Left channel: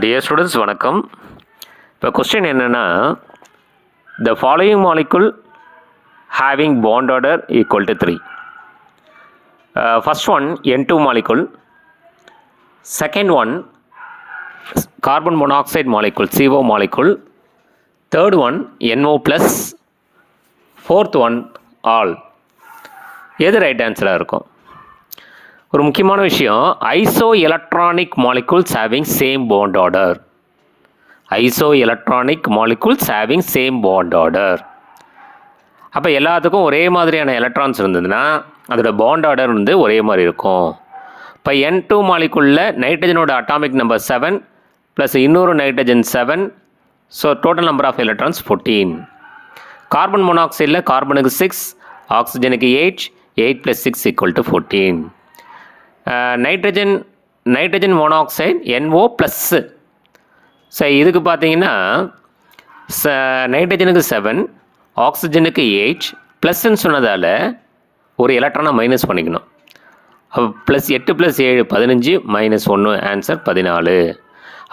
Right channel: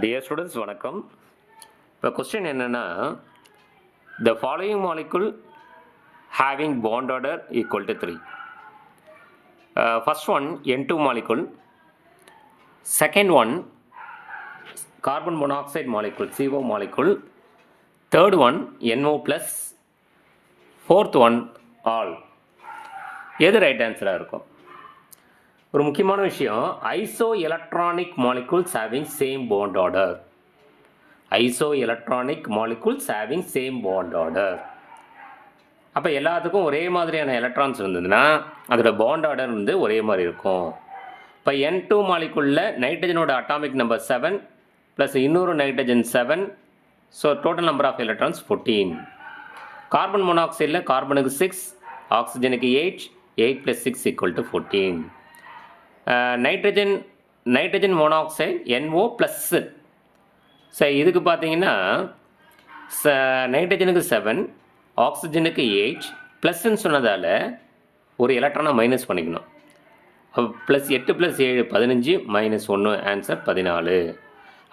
Dear students வணக்கம். இப்போ question என்னென்னா, the following molecule having bond order equal to 3. First one N2 molecule, second one carbon monoxide molecule CO molecule, third one NO plus, fourth one all. எது right ஆன்சராக இருக்கும்? ஒரு முக்கியமான விஷயம், iso electronic molecules having same bond order. Iso electronic molecules having same bond order. அப்போ எல்லாத்துக்கும் ஒரே மாதிரியான electrons இருந்ததுன்னா அதோட பாண்ட் ஆர்டர் வந்து ஒரே மாதிரி இருக்கும். இப்போ N2 மாலிகுலில் நைட்ரஜனோட அட்டாமிக் நம்பர் 7 ப்ளஸ் இன்னொரு nitrogen 7, so total number of electrons 14. Carbon மோனாக்சைடில் கார்பனுக்கு 6, ஆக்சிஜனுக்கு 8, 8 + 6 = 14. Nitrogen monoxide NO plus. So இதுக்கு பார்த்தீங்கன்னா நைட்ரஜனுக்கு 7, ஆக்சிஜனுக்கு 8 ப்ளஸ்ன்னு சொன்னதால் ஒரு எலக்ட்ரானை மைனஸ் பண்ணிக்கணும். அப்போ ப்ளஸ் 8 + 7 15, -1 ஆன்சர் 14.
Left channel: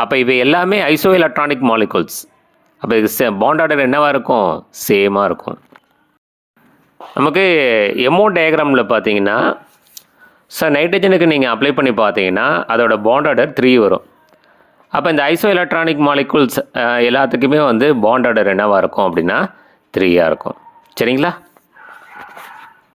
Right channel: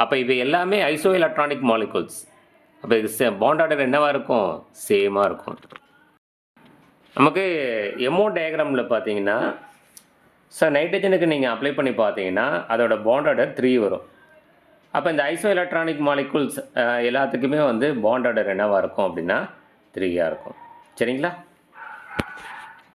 அப்போ இவை எல்லாமே ஐசோ எலக்ட்ரானிக் மாலிகுல்ஸ். அப்போ இது பாண்ட் ஆர்டர் என்னவாக இருக்கும்? சேமாக இருக்கும். நமக்கு எமோ டயக்ராமில் பார்த்தீங்கன்னா, ஸோ நைட்ரஜனுக்கு நீங்கள் அப்ளை பண்ணி பார்த்தீங்கன்னா அதோட பாண்ட் ஆர்டர் 3 வரும். அப்போ இந்த ஐசோ எலக்ட்ரானிக் மாலிகுல்ஸ் எல்லாத்துக்குமே வந்து பாண்ட் ஆர்டர் என்னவாக இருக்கும் அப்படின்னா 3 இருக்கும். சரிங்களா?